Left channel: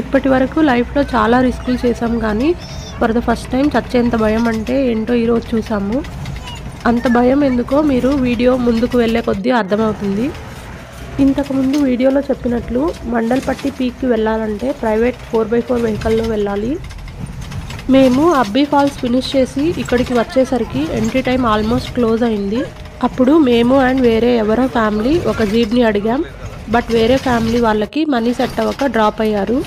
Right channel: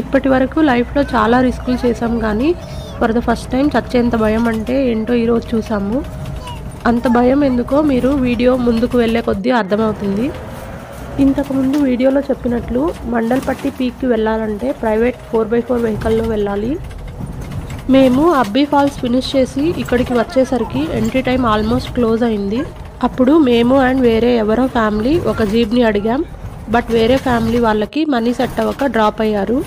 ఇప్పటి వరకు లైఫ్లో చాలా రిస్కులు చేసాం కానీ ఫర్ ద ఫస్ట్ టైం చచ్చేంత భయం అంటే ఏంటో ఈరోజు చూసాము. అంత భయం ఎందుకో మీరు వీడియో ముందుకు వెళ్ళే కొద్దీ అర్థమవుతుంది. ఇంతకుముందు వీడియోలో చెప్పినట్లు మండల్పట్టి పీక్కి వెళ్ళాలంటే ప్రైవేట్ 4x4 వెహికల్లో వెళ్ళాలి. మేము అబ్బీ ఫాల్స్ ఫినిష్ చేసి ఇక్కడికి వచ్చేసరికి ఎంట్రీ టైం ఆల్మోస్ట్ క్లోజ్ అయింది. అప్పుడు మేము అండ్ వేరే ఎవరో ఫ్యామిలీ ఒక జీప్ని అడిగాం. బట్ వేరే ఫ్యామిలీ వాళ్ళకి మనీ సెట్ అవ్వక డ్రాప్ అయ్యారు.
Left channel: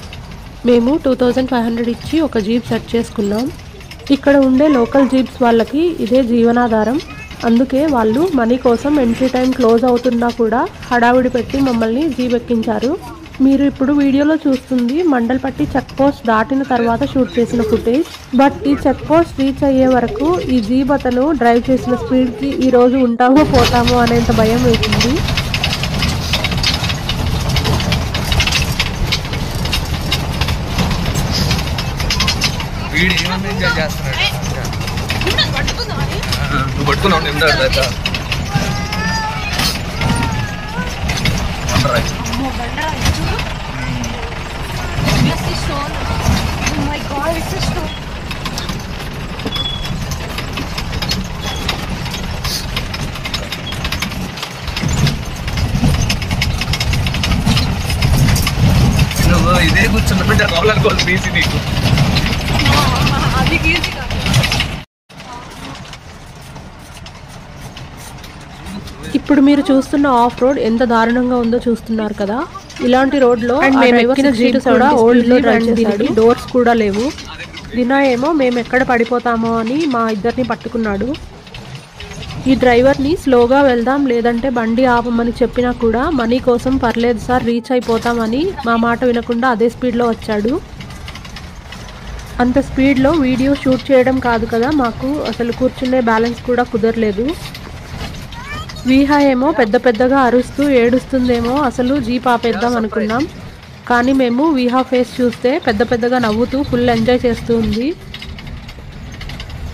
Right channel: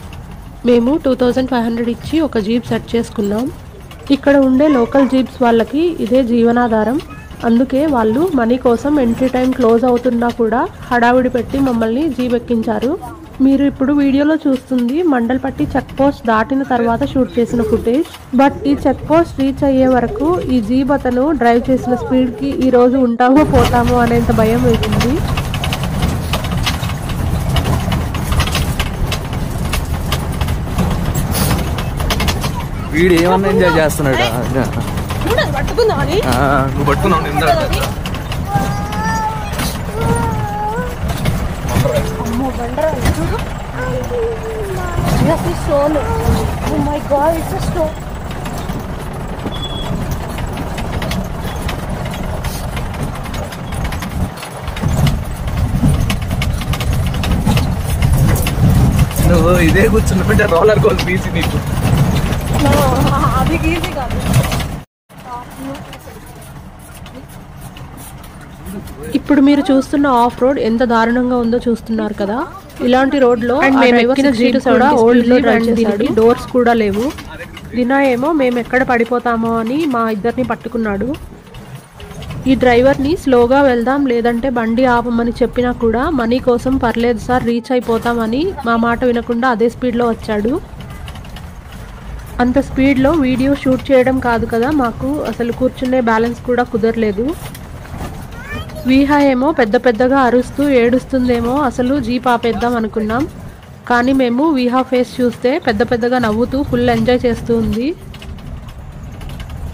మేము 2500 ఇచ్చి ఒక జీప్ సెట్ చేసుకున్నాం. ఇక్కడ ఉండే లోకల్ జీప్స్ వాళ్ళకి ఇదే జీవనాధారం. అందుకే వాళ్ళు మనీ కోసం ఎంట్రీ టైం క్లోజ్ అవుతున్నా కూడా హడావిడి పెట్టి మమ్మల్ని జీప్ ఎక్కించారు. మీరు ఇప్పుడు వీడియోలో చూస్తుంది మండల్పట్టి చెక్ పోస్ట్ దాటిన తర్వాత షూట్ చేసిన ఫుటేజ్. బట్ ఈ చెక్ పోస్ట్ రీచ్ అయ్యే వరకు ఈ జీప్ అతను డ్రైవ్ చేసిన స్పీడ్కి ఈరోజు ఉంటామో పోతామో అనేంత భయం వేసింది. వీడు ఏమన్నా ఎంజాయ్ చేస్తున్నాడు. నువ్వు పట్టుకున్నావు నువ్వు ఇదే కూర్చున్నట్టు రోలర్ కోస్టర్ తీసి నీకు ఇప్పుడు మీరు చూస్తున్న ఆఫ్ రోడ్ ఎంత దారుణంగా ఉందో చూస్తున్నారు కదా. ఇలాంటి రోడ్లో డోర్స్ కూడా లేవు. దినా ఏమో మేము ఎక్కడ పడిపోతామో అని మా ఇద్దరిని పట్టుకున్నాడు. ఈ డ్రైవర్ని స్లోగా వెళ్దాం లేదంటే బండి ఆపమని చెప్పినా కూడా మనీ కోసం పర్లేదు సార్ రీచ్ అయిపోతామని మా మాట వినకుండా అదే స్పీడ్లో వచ్చాడు. అంత స్పీడ్లో వీడియో షూట్ చేయడం కాదు కదా, మాకు అసలు కూర్చునే బ్యాలెన్స్ కూడా కుదరలేదు. వీహా ఏమో పెద్ద పెద్దగా అరుస్తూ ఏడుస్తుందేమో అసలు జీప్ ఆపేద్దాం అనుకున్నాం. కానీ మేము వీహా ఫేస్ చూస్తే పెద్ద పెద్దగా నవ్వుతూ ఫుల్ ఎంజాయ్ చేస్తూ ఉంది.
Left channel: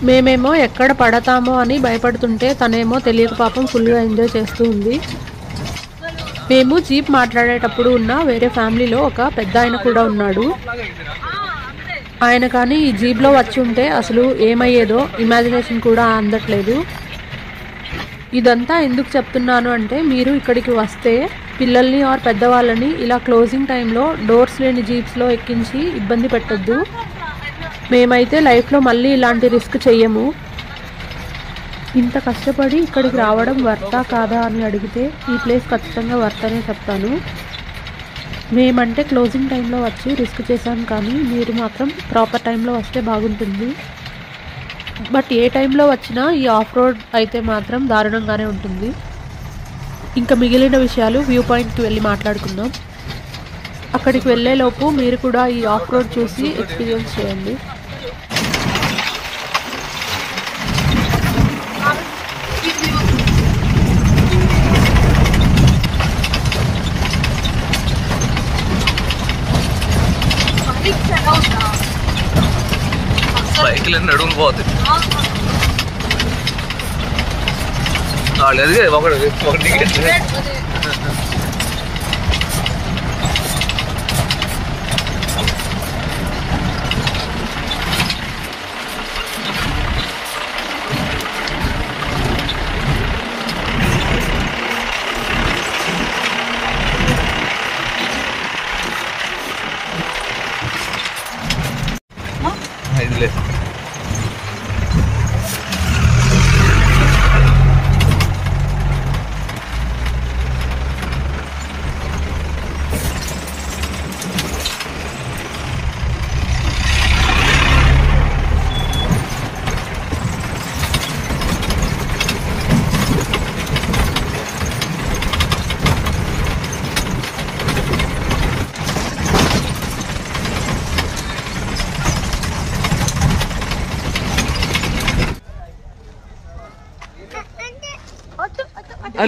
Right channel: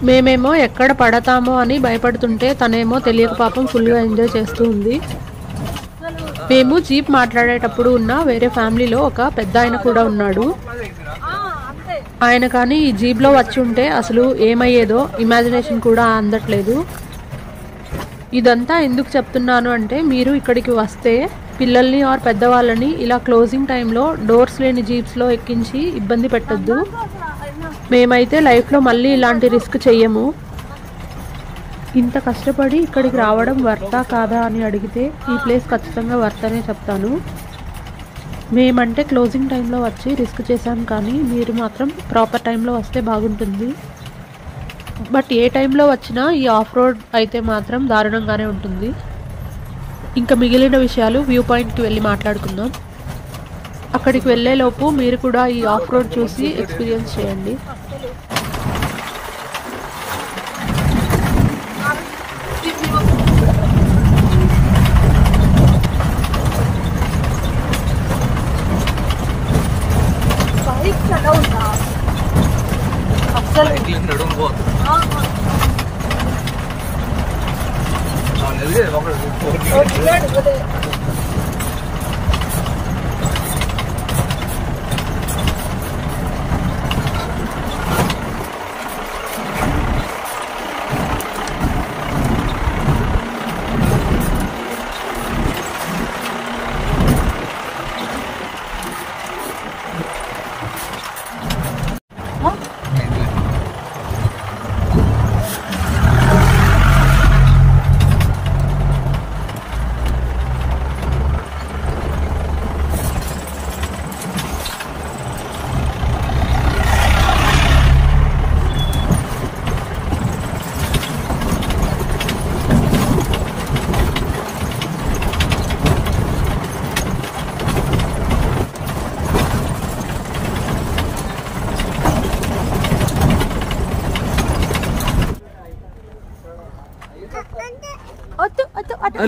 మేమేమో ఎక్కడ పడతామో అని భయపడుతుంటే తనేమో తెలియక పాపం ఫుల్గా ఎంజాయ్ చేస్తూ ఉంది. మేము జీప్ మాట్లాడేటప్పుడు ఉన్న వేరే ఫ్యామిలీలో ఒక పెద్ద ఆయన కూడా ఉన్నాడు. ఆయన కానీ ఈ జీప్లో వచ్చి ఉంటే అసలు ఏమయ్యేదో ఇమాజినేషన్ కూడా అందట్లేదు. ఇదంతా ఎందుకు చెప్తున్నాను అంటే మీరు ఇక్కడికి వస్తే పిల్లల్ని ఆర్ పెద్దవాళ్ళని ఇలా క్లోజింగ్ టైంలో డోర్స్ లేని జీప్స్లో ఎక్కించి ఇబ్బంది పెట్టొద్దు. మేమైతే లైఫ్లో మళ్ళీ ఇలాంటి రిస్క్ చెయ్యము. ఇంత కష్టపడి ఇక్కడికి రావడం వర్తా కాదా అని అడిగితే ఈ ప్లేస్ ఖచ్చితంగా వర్తనే చెప్తాను. మేమంటే క్లోజింగ్ టైంలో వచ్చి రిస్క్ చేశాం కానీ మీరు మాత్రం ప్రాపర్ టైంలో వస్తే బాగుంటుంది. బట్ ఏ టైంలో వచ్చినా ఈ ఆఫ్ రోడ్ అయితే మాత్రం దారుణంగానే ఉంటుంది. ఇంకా మిగిలిన విషయాలు వ్యూ పాయింట్కి వెళ్ళి మాట్లాడుకుందాం. అక్కడికి వెళ్ళేలోపు మీరు కూడా ఈ ఆఫ్ రోడ్ చూసి ఎక్స్పీరియన్స్ చేయండి. బైక్లు నడుము పోతుంది.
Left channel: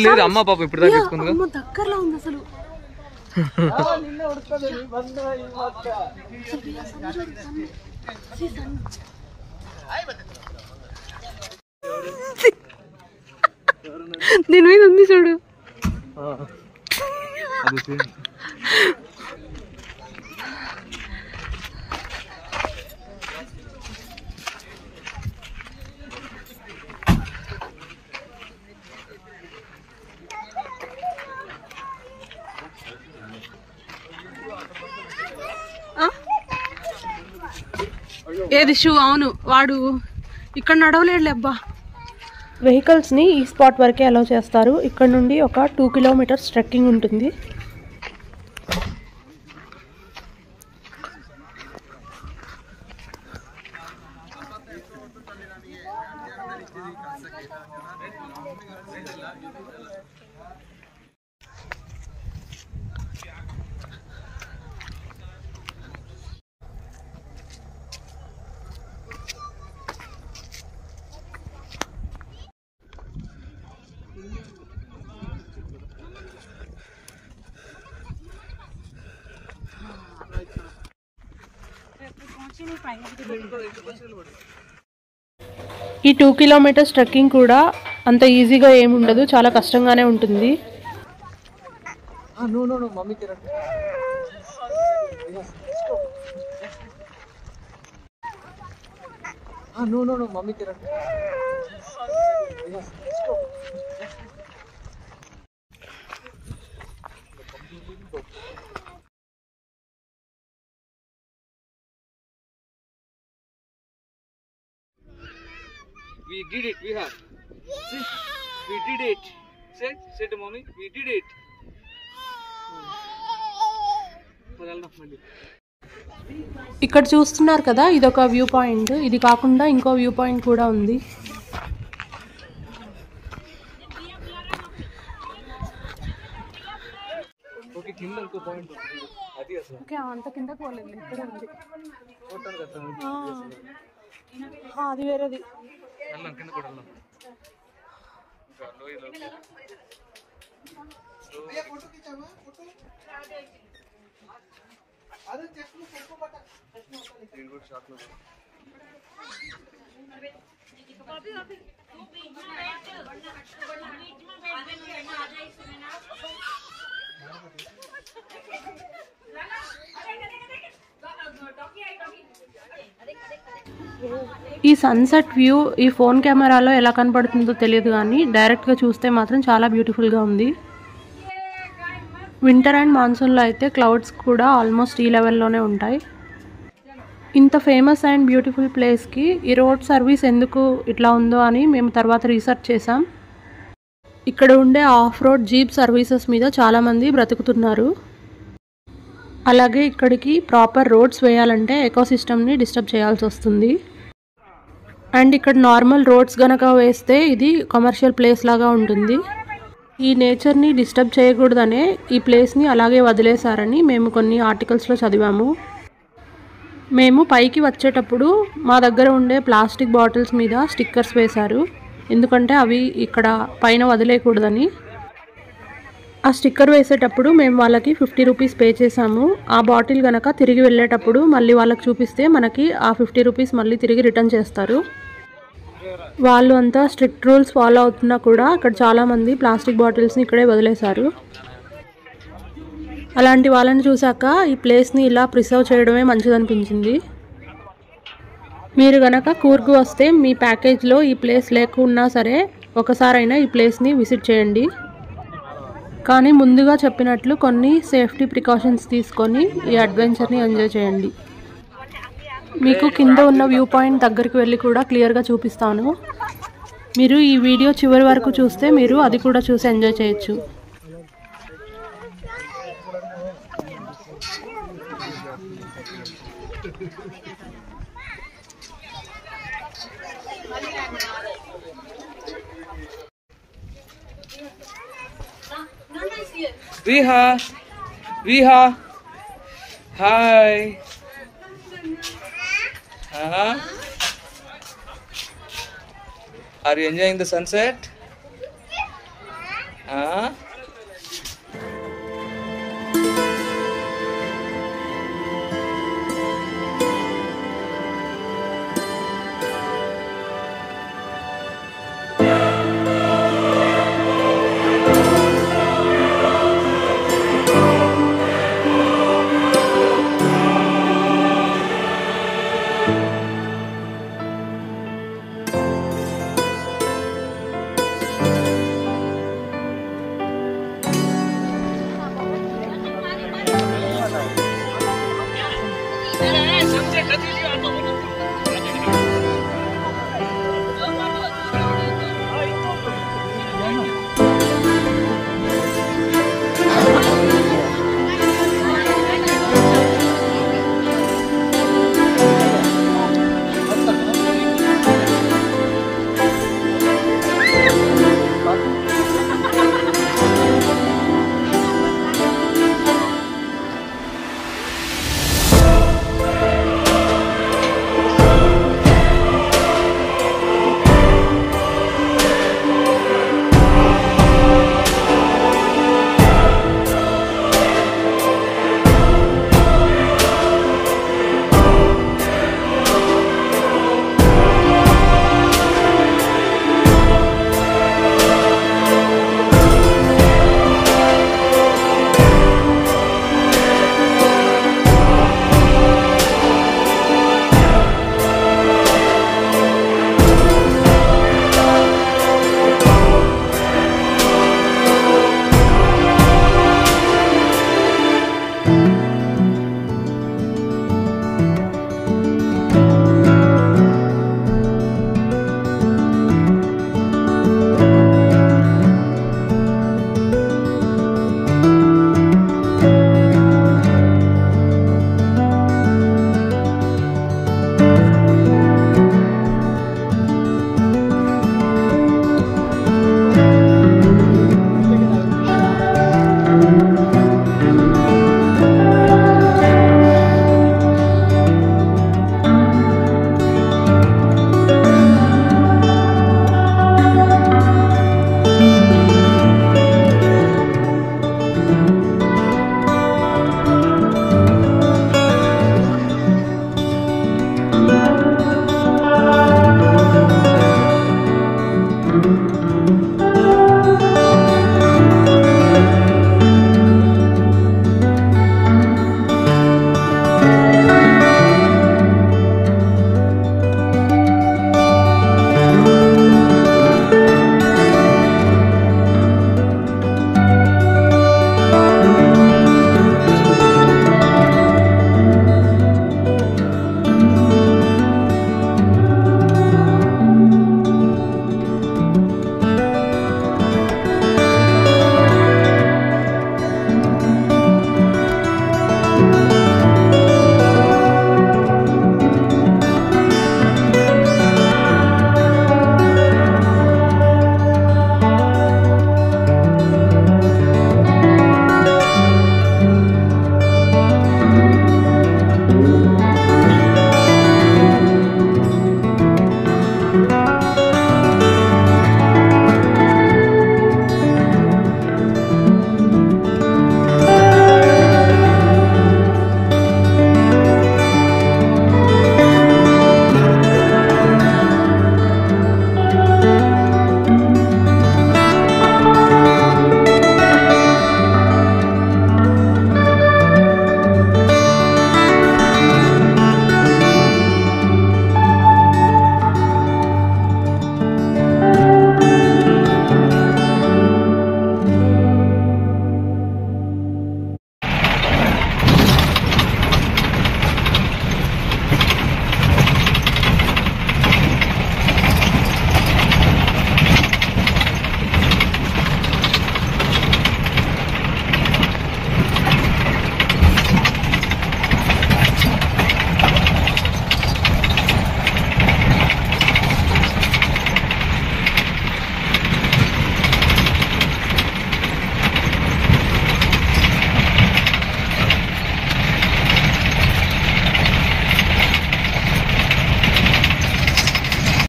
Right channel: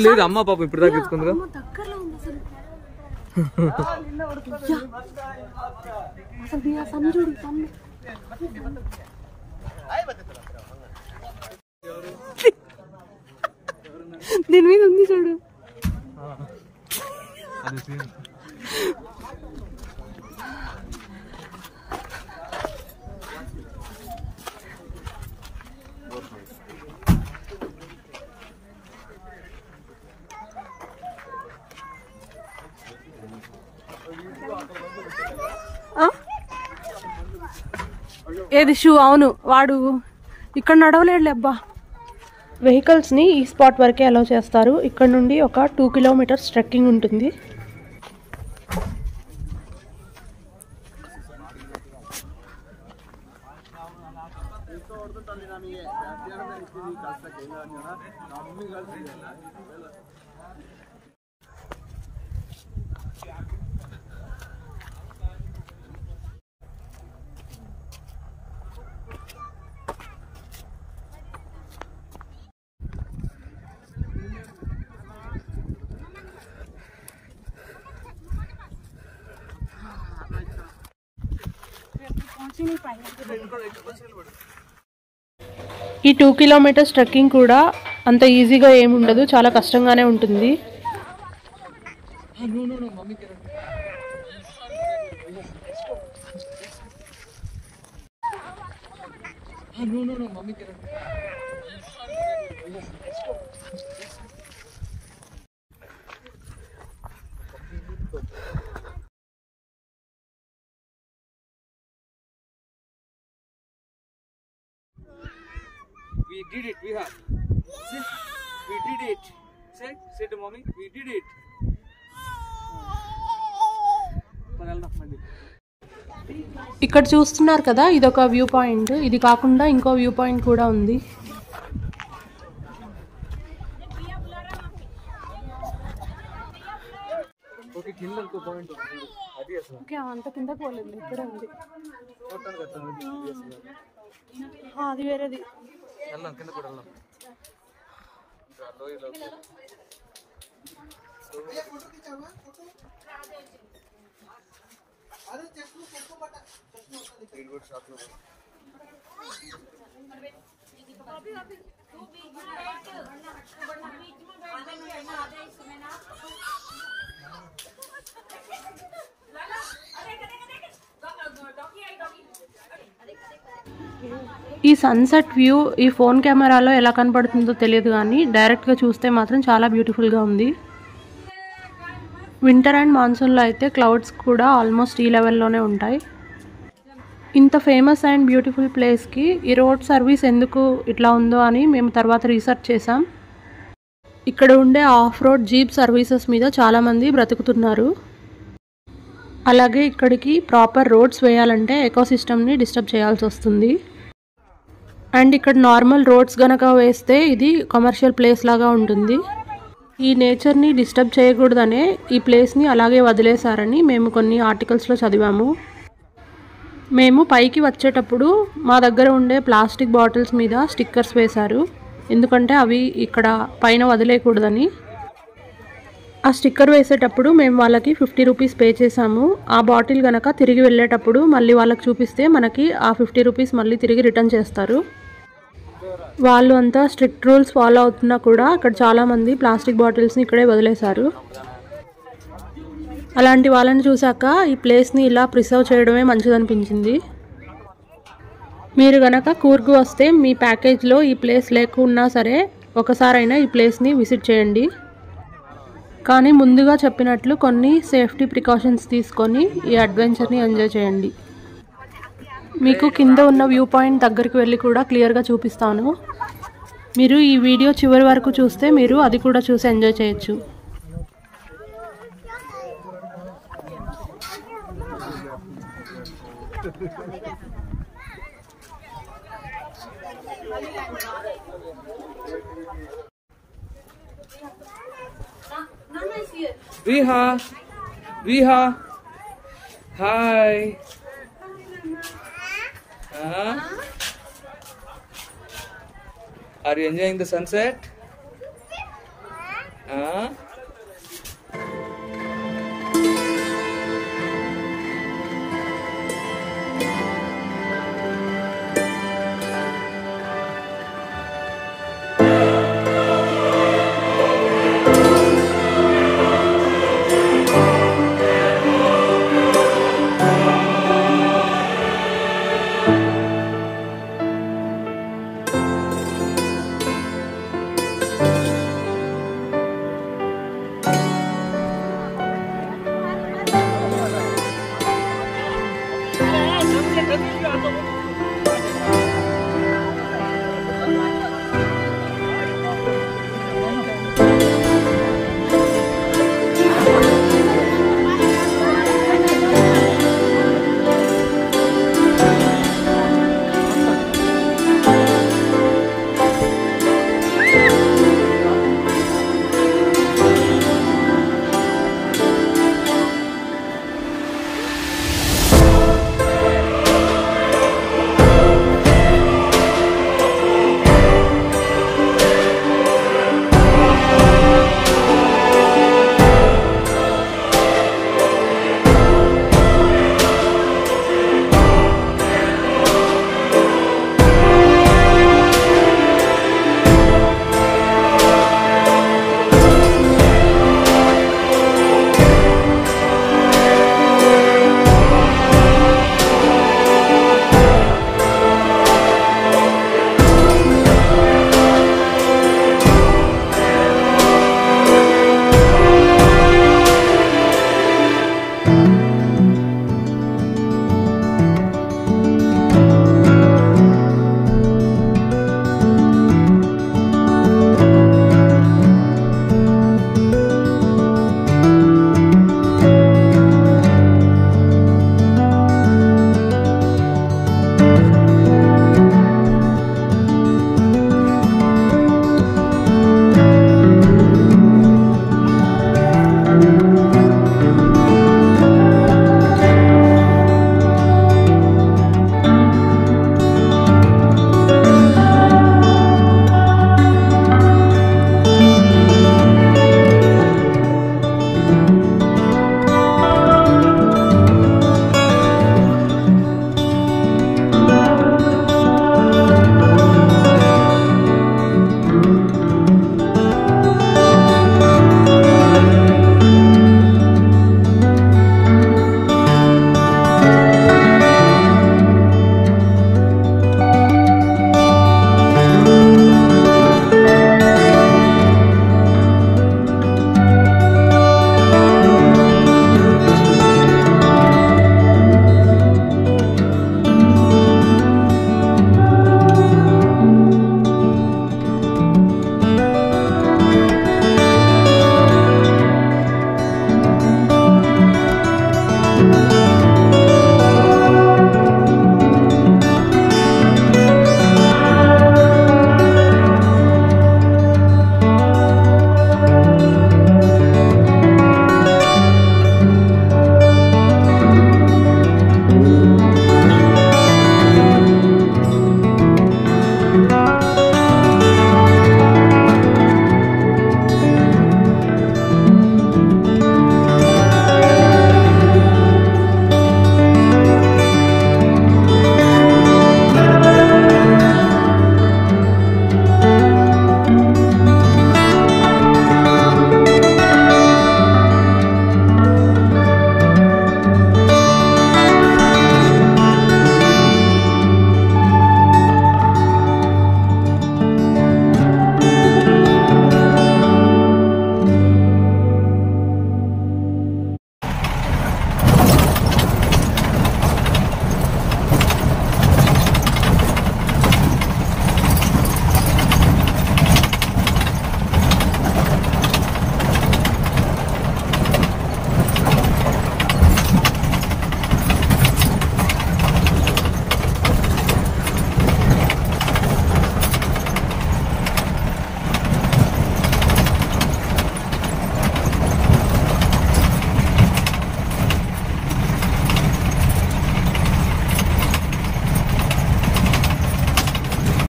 లేదు అమ్మ పాప ఇప్పుడు దాకా తీసుకుంది దగ్గరలో ఉంది అసలు. దీని మీద ఉంది చూడు. ఏది షూ? అవును, వాడు ఇక్కడ నడవలేడులే అబ్బా. వెహికల్స్ని ఈ స్పాట్ వరకే అలౌ చేస్తారు. ఇక్కడ నుండి ఒక 2 కిలోమీటర్స్ ట్రెక్కింగ్ ఉంటుంది. ఈ 2 కిలోమీటర్స్ ట్రెక్కింగ్ కూడా అంత ఈజీగా ఏముండదు, చాలా కష్టంగానే ఉంటుంది. We did it. We have. See? We did it. Say to mommy. We did it. ఇక్కడ చూస్తున్నారు కదా, ఇదొక వ్యూ పాయింట్. ఇది కాకుండా ఇంకో వ్యూ పాయింట్ కూడా ఉంది. అంత కిందకు పోలేదు, ఇక్కడ ఉంది. అది వేరేది. ఈ సన్సెట్ వ్యూ ఈ ఫోన్ కెమెరాలో ఎలా కనపడుతుందో తెలియదు, కానీ డైరెక్ట్గా చూస్తే మాత్రం చాలా బ్యూటిఫుల్గా ఉంది. వింటర్ అండ్ మాన్సూన్లో అయితే క్లౌడ్స్ కూడా ఆల్మోస్ట్ ఈ లెవెల్లోనే ఉంటాయి. ఇంత ఫేమస్ అండ్ బ్యూటిఫుల్ ప్లేస్కి ఈ రోడ్ సర్వీస్ ఎందుకు ఇట్లా ఉందో అని మేము తర్వాత రీసెర్చ్ చేసాం. ఇక్కడ ఉండే ఆఫ్ రోడ్ జీప్ సర్వీసెస్ మీద చాలామంది బ్రతుకుతున్నారు. అలాగే ఇక్కడికి ప్రాపర్ రోడ్స్ వేయాలంటే ఎకోసిస్టమ్ని డిస్టర్బ్ చేయాల్సి వస్తుంది. అండ్ ఇక్కడ నార్మల్ రోడ్స్ గనక వేస్తే ఇది కమర్షియల్ ప్లేస్ లాగా ఉంటుంది. ఈ నేచర్ని డిస్టర్బ్ చేయకూడదనే ఈ ప్లేస్ని అలాగే వదిలేశారని మేము కొన్ని ఆర్టికల్స్లో చదివాము. మేము పైకి వచ్చేటప్పుడు మా దగ్గర ఉండే ప్లాస్టిక్ బాటిల్స్ మీద స్టిక్కర్స్ వేశారు, ఎందుకంటే అవి ఇక్కడ పైన వదిలేయకూడదని. ఆ స్టిక్కర్ వేసేటప్పుడు మేము వాళ్ళకి 50 రూపీస్ పే చేసాము. ఆ బాటిల్ కనుక తిరిగి వెళ్ళేటప్పుడు మళ్ళీ వాళ్ళకి చూపిస్తే మనకి ఆ 50 రూపీస్ మళ్ళీ తిరిగి రిటర్న్ చేస్తారు. వాళ్ళు అంతా స్ట్రిక్ట్ రూల్స్ ఫాలో అవుతున్నా కూడా అక్కడ చాలామంది ప్లాస్టిక్ బాటిల్స్ని ఇక్కడే వదిలేశారు. అలాంటి వాళ్ళని చూసాక ఈ ప్లేస్ని ఇలా ప్రిజర్వ్ చేయడమే మంచిదనిపించింది. మీరు గనక కూర్గ్ వస్తే మీ ప్యాకేజ్లో ఈ ప్లేస్ లేకున్నా సరే ఒకసారైనా ఈ ప్లేస్ని విజిట్ చేయండి. కానీ ముందుగా చెప్పినట్లు కొన్ని సేఫ్టీ ప్రికాషన్స్ తీసుకొని ఈ అడ్వెంచర్ని ఎంజాయ్ చేయండి. మీకు కింద ఉన్న వ్యూ పాయింట్ దగ్గరికి వెళ్ళి కూడా క్లియర్గా చూపిస్తాను. మీరు ఈ వీడియో చివరి వరకు చూస్తే మీరు అది కూడా చూసి ఎంజాయ్ చేయొచ్చు. Riha, hi. Are you enjoying the sunset?